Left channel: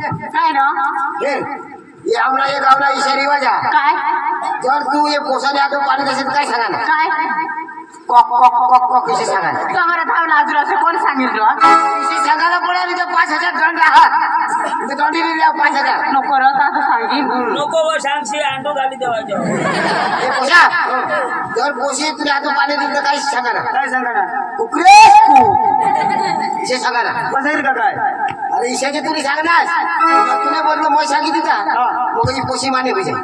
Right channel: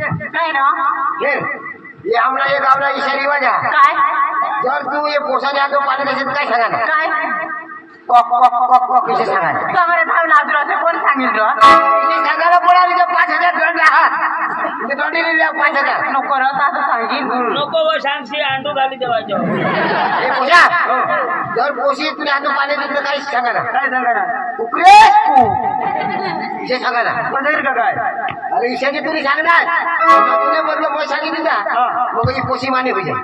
काय ना हे आमला एक आपला इशारी वाजा काय जर तू हे पोसाने आतो पाणी देशील काय सांगा ना काय कॉक कॉक कॉक कॉक कसे सांगा ना कमरे धावला अजून असं कोण सांगितलं कसे सांगायला बोलावली तर 5,000 दंड आहात मी दंडी दिली 5,000 नको रत आता सांगीन नको व सांगशी अंडू घाली देवायचं हे पोसा जर पोशी तुला आतो पाणी दिलं तर काय सांगा ना काय सांगा ना उकरेस तू इसे सांगा ना कसं का काय अरे इशाचे तुम्ही सांगणार तुला बोललो मग सांगितली का मग ही पोशी माने होई जाईल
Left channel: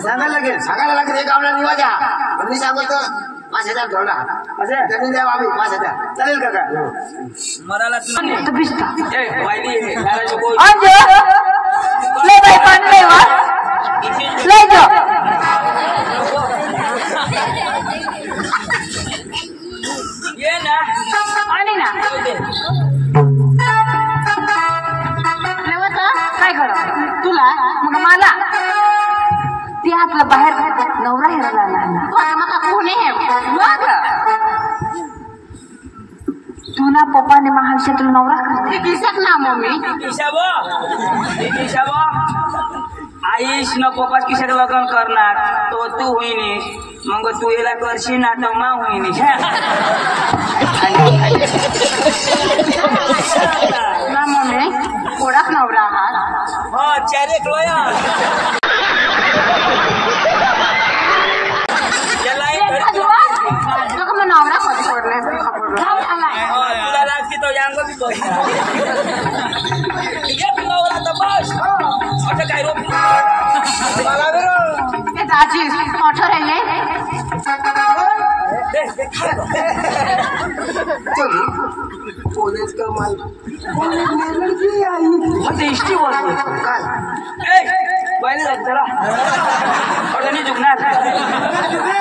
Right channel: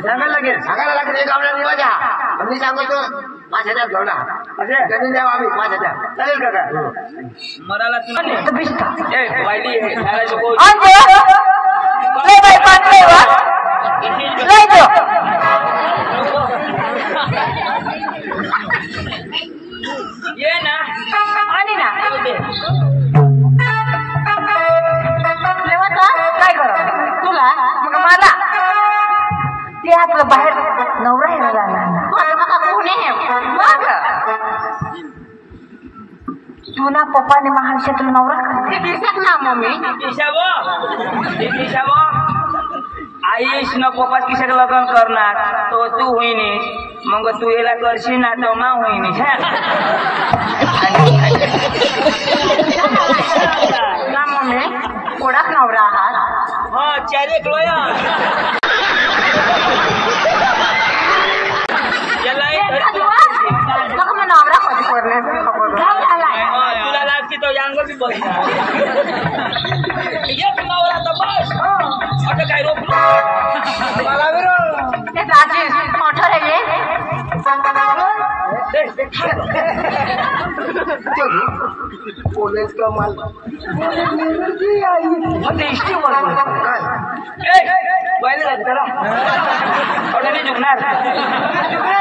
सांगायला लागेल सांगायला लागेल एक आपल्या निवाजा मी सांगतो 5,000 जोडा असे त्यांनी द्यावं आम्ही 5,000 चालेल का काय मराला तो बिस्ता ए पहिली आहे त्याला नको अंजे ले बाई पाणी ले वा ले जो ये ना आणि ना दे लेवा काय कर तुला मग मला ते आपलं बाहेर नवरा आहे मला कोणी मग तू ना पप्पाने महाविषयात नवरा करते दिसत ना मम्मी किशाबो आईश न पप्पा किशाक लग्न करणार तो तू होईनीस मग तू याला करशील ना तो मा होईनीस ना मम्मी थोडाच नवरा आहात हा 4 एक लोया मग नवरा कधी पडले खबर तुला लागते तो यांगो बी बसणार एक नवरा तर बस आता काय रोप ते दाजी मोठं रे पोलीस कमाल इष्टी बोलतो पहिले चला नाही झुकणार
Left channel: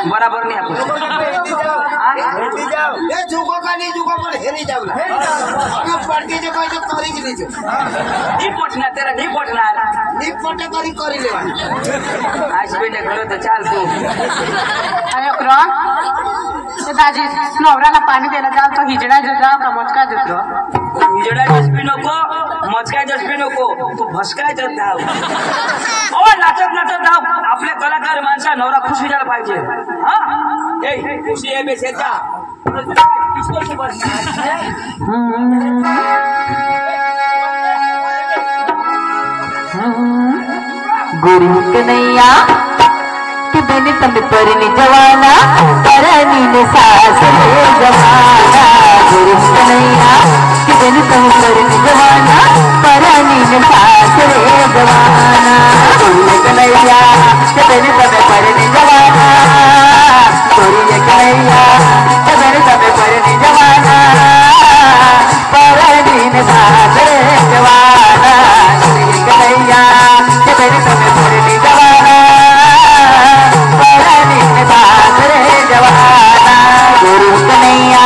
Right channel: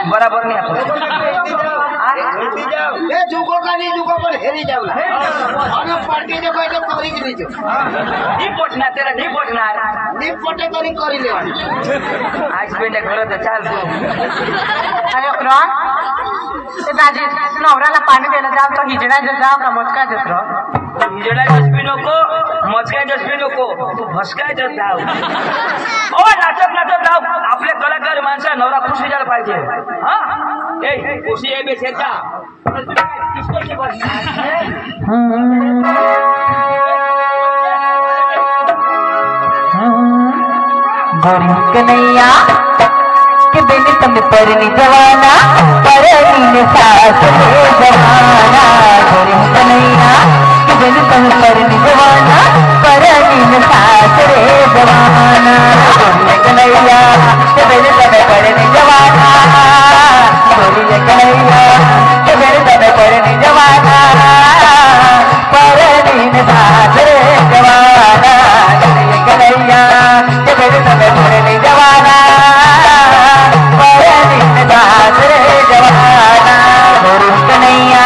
बराबर हे झुको का नाही झुको पण हे नाही जाऊ ना पार्टीचे काही तर करीच नाही नहीं पटणार त्याला नहीं पटणार नाही पटे तरी करी लेवा आज बेने घर तर चाल तू अरे ते दाजी नवऱ्याला पाणी द्यायला जाव तो हिजडा जाव का मचका देतो हिजडा जसबी नको मचकाय जसबी नको तू भसकाय जात धाव नाचत नाचत धाव आपले कलाकार माणसा नवरा खुश व्हायला पाहिजे हा ए खुशी आहे बेसेचा किसको बस गोरी कन्हैया के देने तुम्हें परनी जवाना परनी ने सास रे जवाना गोरी कन्हैया के देने तुम्हें परनी जवाना परनी ने सास रे जवाना गोरी कन्हैया के देने तुम्हें परनी जवाना गोरी कन्हैया के देने तुम्हें परनी जवाना परनी ने सास रे जवाना गोरी कन्हैया के देने तुम्हें परनी जवाना गुरु कन्हैया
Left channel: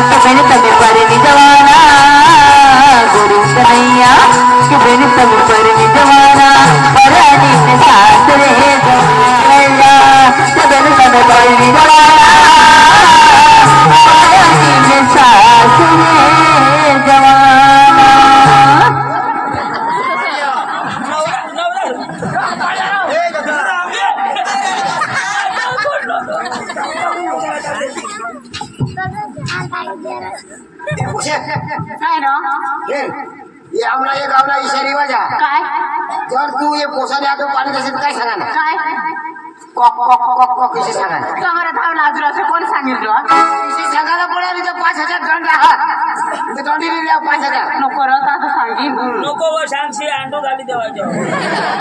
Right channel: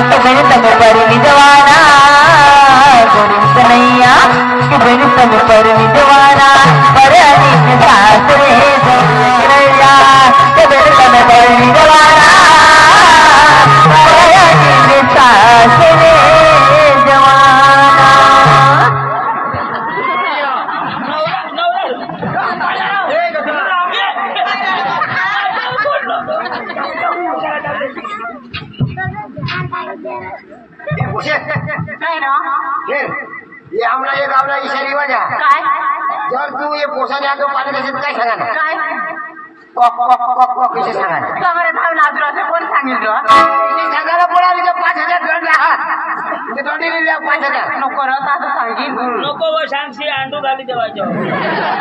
के बिन तुम्हें परनी जवाना गुरु कन्हैया के बिन तुम्हें परनी जवाना परनी सास रे कन्हैया के बिन तुम्हें परनी जवाना परनी सास रे ये आमला एक आपला इशारी वाजा काय जर तू हे पोसाने आतो पाणी देशील काय सांगा ना काय कॉक कॉक कॉक कॉक कसे सांगा ना कमरे धावला अजून असं कोण सांगितलं कसे सांगायला बोलावली तर 5,000 दंड आहात मी दंडी दिली 5,000 नको रत आता सांगीन नको व सांगशी अंडू घाली देवायचं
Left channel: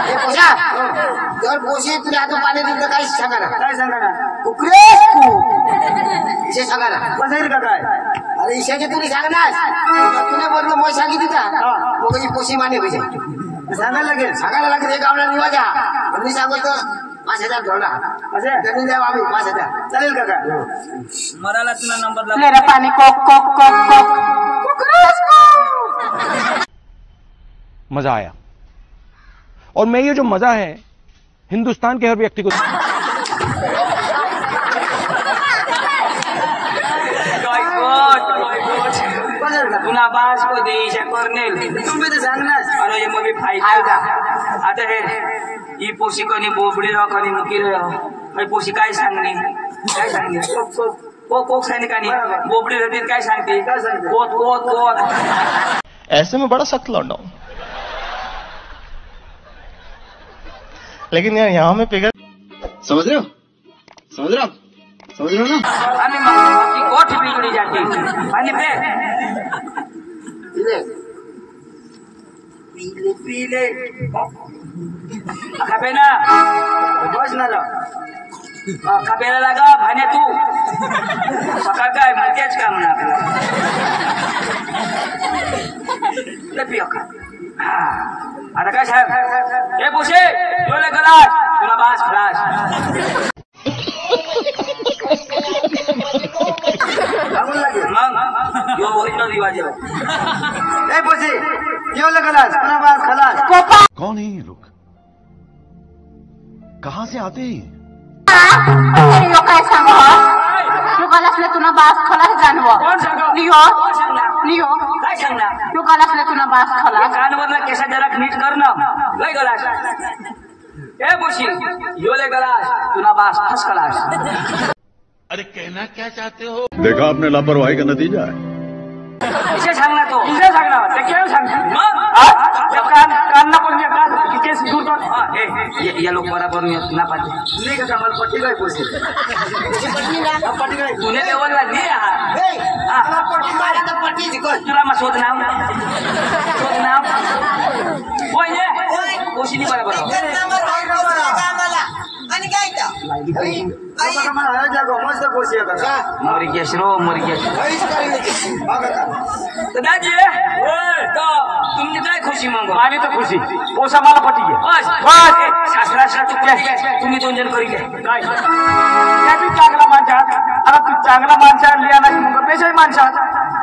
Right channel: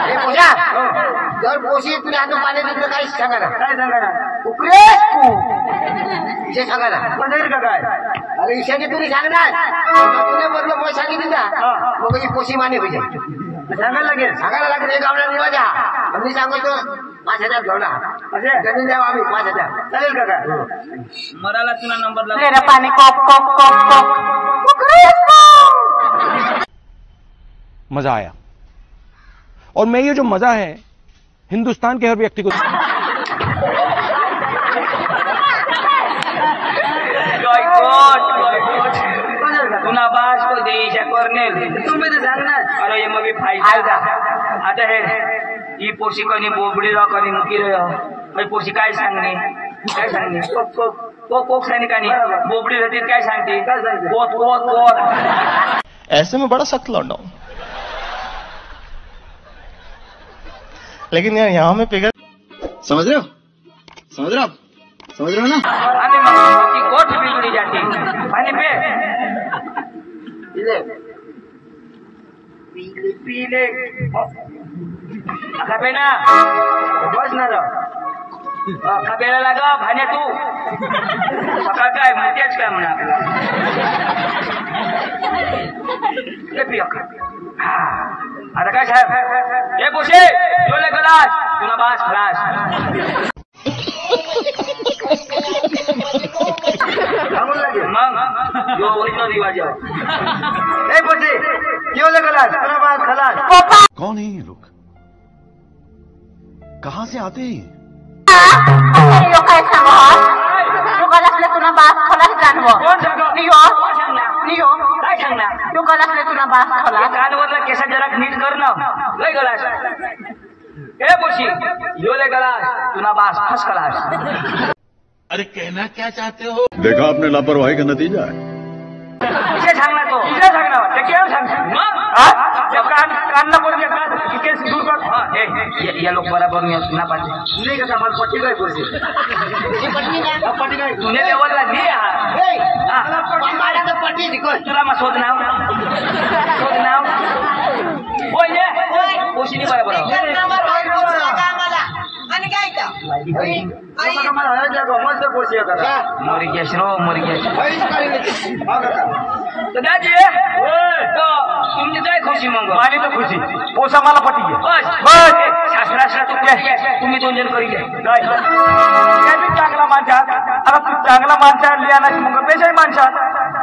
हे पोसा जर पोशी तुला आतो पाणी दिलं तर काय सांगा ना काय सांगा ना उकरेस तू इसे सांगा ना कसं का काय अरे इशाचे तुम्ही सांगणार तुला बोललो मग सांगितली का मग ही पोशी माने होई जाईल सांगायला लागेल सांगायला लागेल एक आपल्या निवाजा मी सांगतो 5,000 जोडा असे त्यांनी द्यावं आम्ही 5,000 चालेल का काय मराला तुला नंबर ले रे पानी कॉक कॉक कॉक कॉक मजा आया और मैं ये जो मजा है हिंदुस्तान के हर व्यक्ति को तुला बास को देईशा कर्नेल तुम्ही तर सांगणार अरे ये मग फाईट का आता हे ही पोशी कोणी बोबडी राव कोणी मुकी राव ही पोशी काय सांगणे कोक सांगणे का नाही बोबडी राहते काय सांगते कोत कोत कोत ऐसे में बड़ा सख्त लौंडा हूं, लेकिन यार यहाँ में पिघल समझ रहे हो ना आणि मग की गोठ बिगडी जाते आणि पे पीले खाबे ना बस ना राव खाबेला लागा भाने तू सकाळ काय म्हणतेच काम ना आपला ते पिया हा आता काय सांग ए पोशे डोले गलास तुला बास खलास मग यो ओरिजिनल रिवाज आहे ए पोसी क्यों लगलास खलास खलास कौन है ये लोग, कहां से आते हैं? काय सांगू तू गलासले तुला बास खलास जानवो कोण सांगा नियो कोण सांगणार नियो काय सांगणार तू गलासले तुला बास खलास कानवरला केसा जरा नीट कर ना लय गलास ए पोशी यो लय गलास तुला बास फस गलास अरे कहना क्या चाहते हो? देखा आपने लापरवाही का नतीजा है। इसे सांगणार तो इसे सांगणार ते केम सांगणार मग जब कान पण का केस दूर कर हां ये लोग बराबर ना पाते नहीं का माल पट्टी गई पोसी पट्टी गई तूने ते बोलला नहीं यार ए पट्टी मारा तर पट्टी जिकल तुला मग शोध नाव बोल ने पोशी नाही बरोबर मस्त पोसी होता मुरगेश रो मुरगेश दादाजी तो तुमची काय खुशी मग आणि तर खुशी पोसा मला पटी बस बस शास्त्राशा तू तुम्ही दोन जण करी काय चांगला माणसात आता तू चांगला माणसा लिया ना मग पेशाही माणसात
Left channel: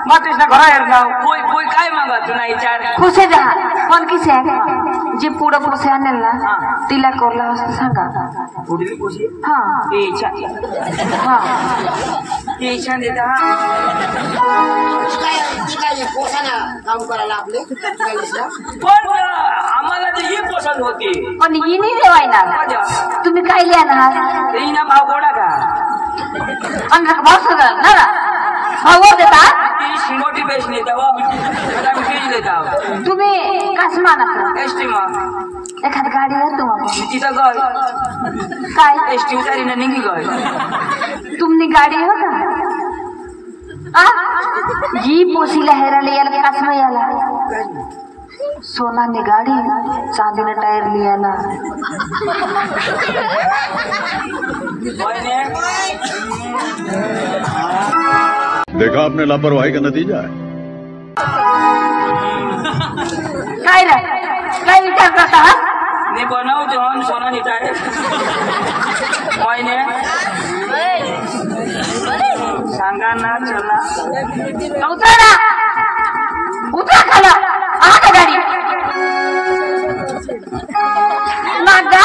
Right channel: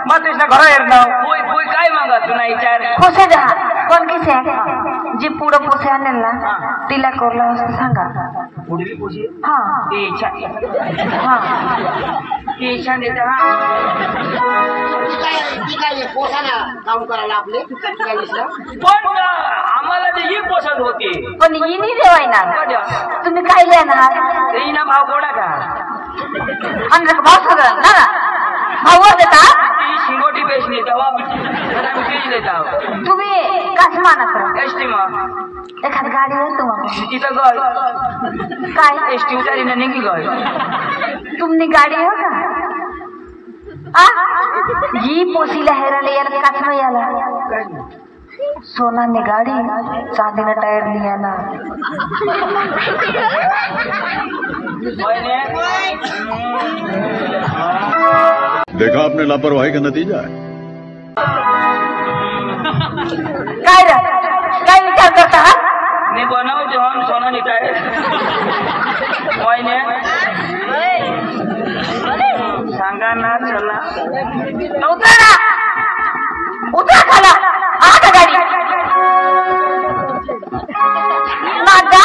मग तेच घरा येर नाव कोई कोई काय मागा तू नाही विचार खुशी जहा कोण किसे जी पुढं पोसे आणेल ना तिला कोरला असं सांगा पुढली खुशी हा ते इच्छा हा ते इच्छा देता काय पोसाना काम करायला आपले पण आम्हाला ते ही पसंत होती पण ही नाही देवायना तुम्ही काय लिहा ना ते हिना भाव गोडा का आणि भाव सगळं ना भाव देता ती शिंगोटी पेश नेता देता तुम्ही कसं मानत एसटी मग एखादी गाडी आहे तुम्हाला तिथं गय काय एसटी उतारीनं निघी गय तुमनी गाडी आहे का जी पोसीला हेराले याला कसं याला सोनाने गाडी चांदीने टायर लियाला देखा आपने लापरवाही का नतीजा है। काय विचार करता मी बनवतो म्हणून सोनाने टायर सांगा ना चला उतरा खाला आता गाडी नागा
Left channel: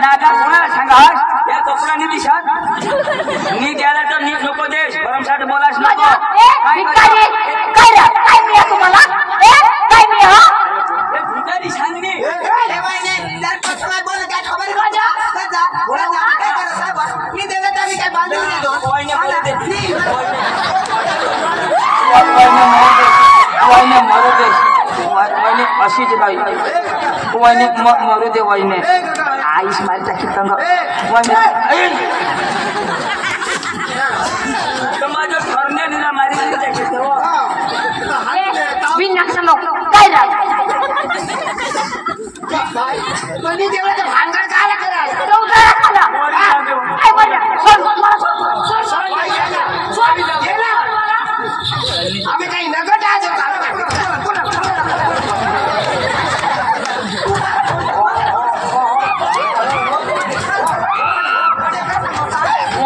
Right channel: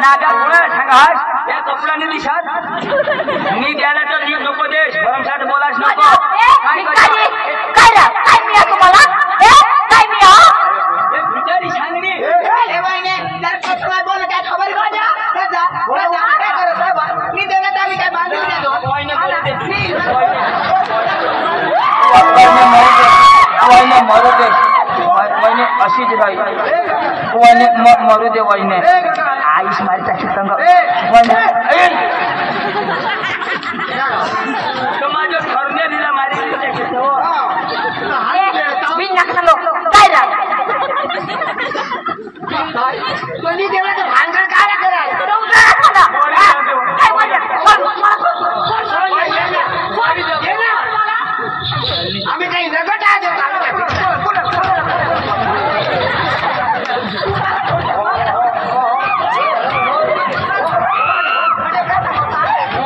नागा कोणाला सांगा या कपड्याने दिशात नी द्यायला तर नीट नको देश भरमसाठ बोलास नको काय मी तुम्हाला काय मी भिकारी सांगणी मरू दे वहिनी अशीच बाई वहिनी मरू दे वहिनी आईस मारी टाकी कंग माझं ठरणे दिला मारी टाकी भानगड काय आम्ही काही नगट आहे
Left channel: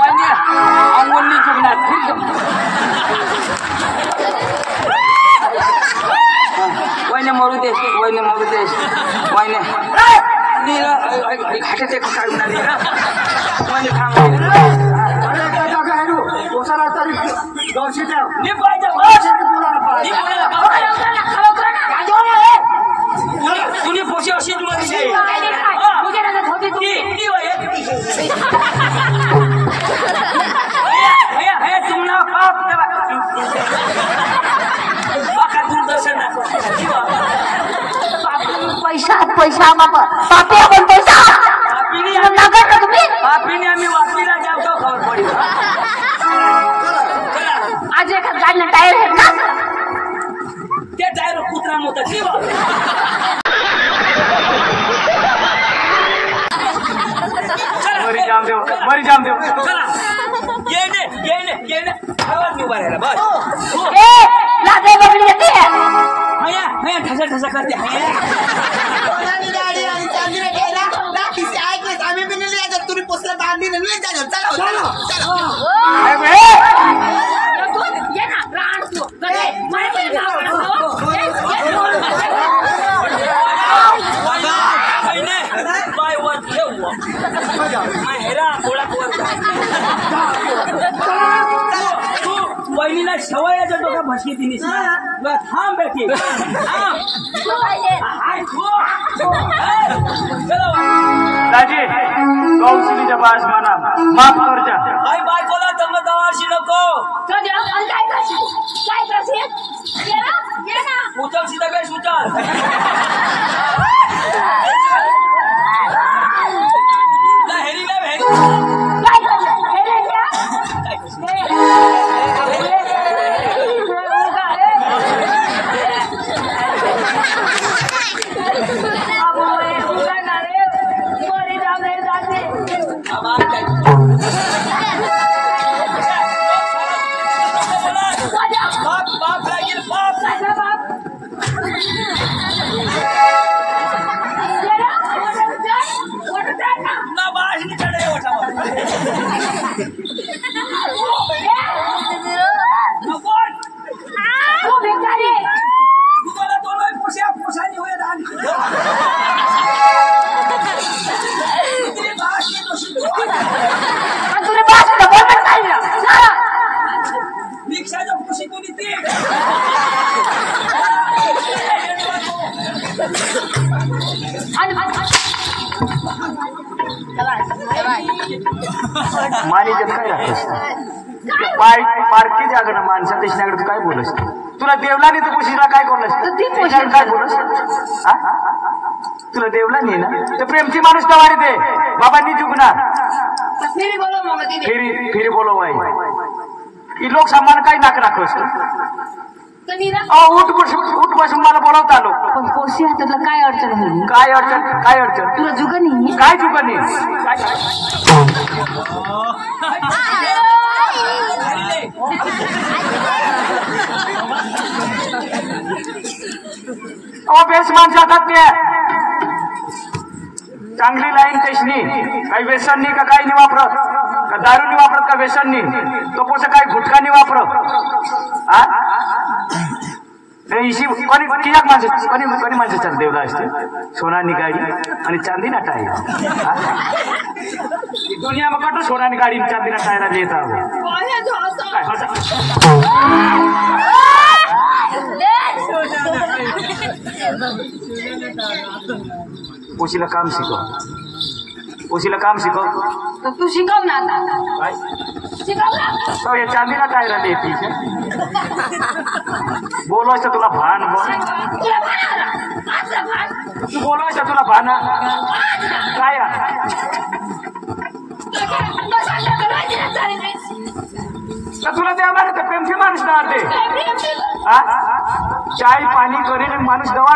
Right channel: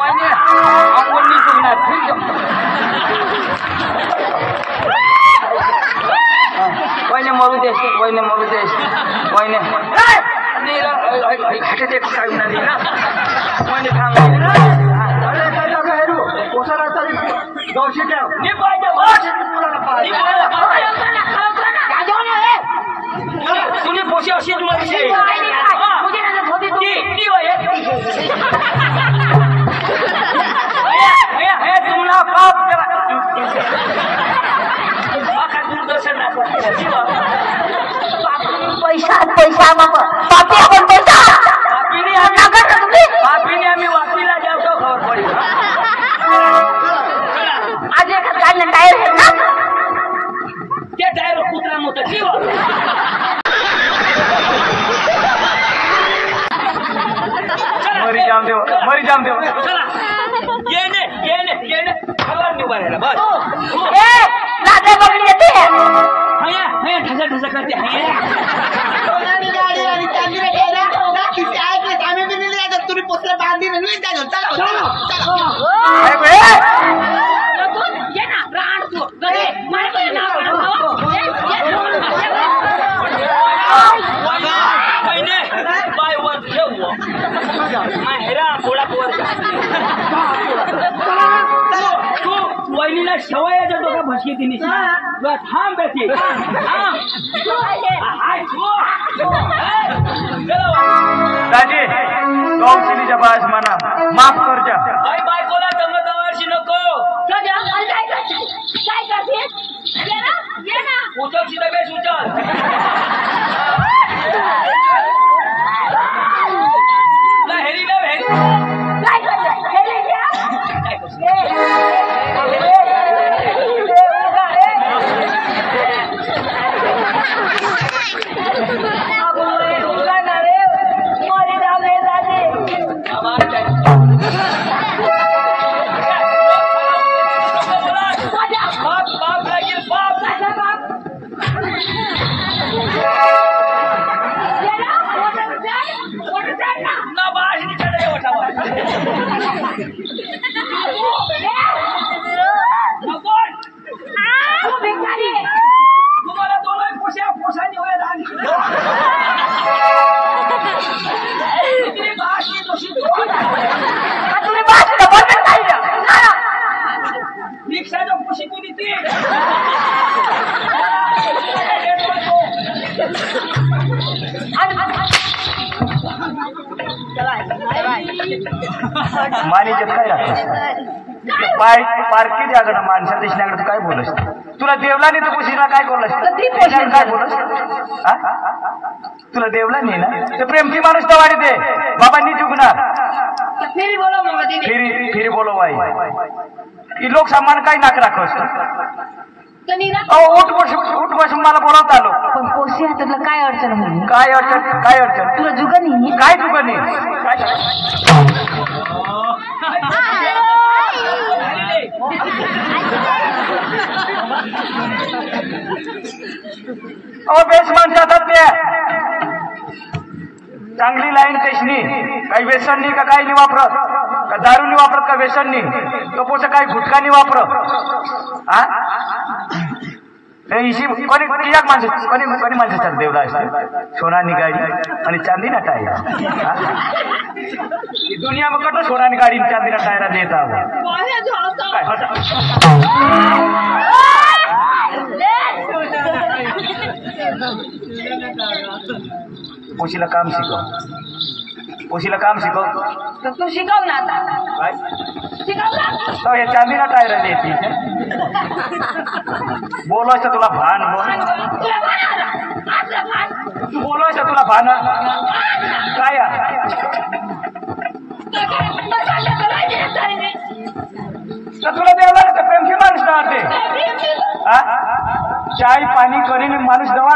अंगोली चुकणार वहिने मरू देश वहिने मरू देश वहिने घाटे ते काय वहिने कोसा रास्ता गौशी ठेव नी पाहिजे तुम्ही पोशी अशीच मध्ये तुम्हाला पाप करा दूरदर्शन पैसा बाबा पापी आपण पैसा आपीने आम्ही वापीला जाऊ का खबर पडेल आज एका गाडीला टायर आहे ना त्या टायर कुत्रा मोठा किंवा मरी जाम देव चला येणे आवाज उभा राहिला बस लाद्या बघली येते हया ठसा करते सोनाली गाडी आणि चांदीला गेला ना किसी ऐकले आम्ही बी नाही जात तुम्ही पोसला बांधली नाही जात चला ये ना राण तू गडे मारे पण ना बाय वर ठेव माहेरा थोडा पोर तू वहिनीला शेवयाच्या डोका भशी तिने थांब बेटी दाजी गौशीच्या पास म्हणा माफ करजा आई बायकोला दमदावाशी नको काय करशील ये ना उचल सीधा बेस उचल हेरी काय बाप लागेल बाप ना बाशी चढे वठावर तुम्हाला तो नाही पोशानी होय रिक्षाच्या पोशी कोणी ती मानीच्यात काय राहत पाय पारखी जागरण माणसा देशनाकडे काय बोलस तुला देवला नाही तर पोशीला काय बोलस काय बोलस तुला देवला नाही ना तर प्रेमची माणूस तर वाढी दे बाबांनी चुकणार फिरी बोलो बाई ही लोक सन्मान काय नाक राखोस उठ बसून मला बोलावता आलो पण पोशी हातातलं काय अडचण होईल काय अडचण तुला जुगा नाही काय चुकत नाही बेस माणसात ते चांगली लाईन कशनी काही व्यसन नाही का काही नाही वापरत का दारू नाही वापरत का व्यसन नाही तो पोसा काही गुटखा नाही वापरत कोणी माणसं देवला असते सोनानी गाडी आणि चांदीना टायर दुनिया में कटो सोनानी गाडी चांदीना टायर देता पोशीला काम शिकव तू शिकव ना आता शिकव ना तो हे चांदीना टायर देते बोलवायचं तुला भान तू बोलवायचं तुला भान काय तर तुला द्यावा ना तर प्रेमची माणूस दवाडते चाय पाणी करेल माणूस दवाड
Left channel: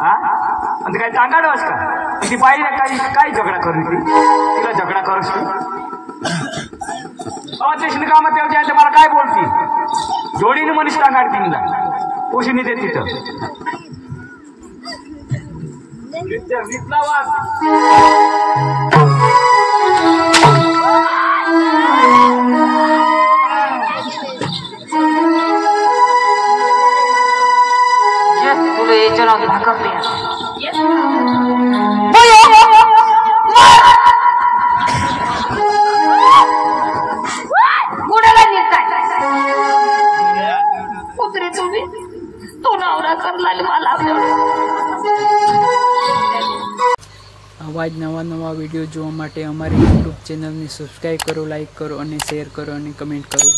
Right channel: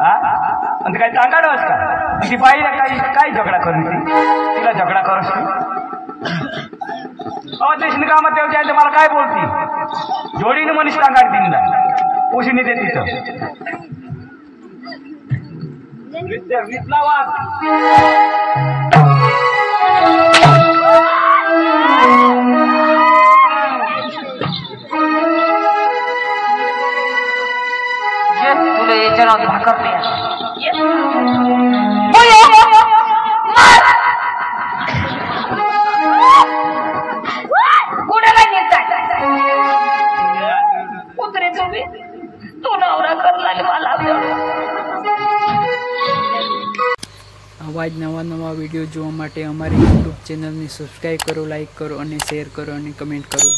आणि काय ताकाडवस का ती बाईला काय झगडा करून तिला झगडा करूस तू देशनी कामात तेव्हा मला काय बोलती जोडीनं मनीष तांगाड तिला पोशीने दे तिथं वाद तुला याच्या नाव भाकर આવીશ તું નવરા કરલાની માલ આવ્યો આવા જ નવા વિડીયો જોવા માટે અમારી યુટ્યુબ ચેનલને સબસ્ક્રાઈબ કરો, લાઈક કરો અને શેર કરો અને કમેન્ટ કરો.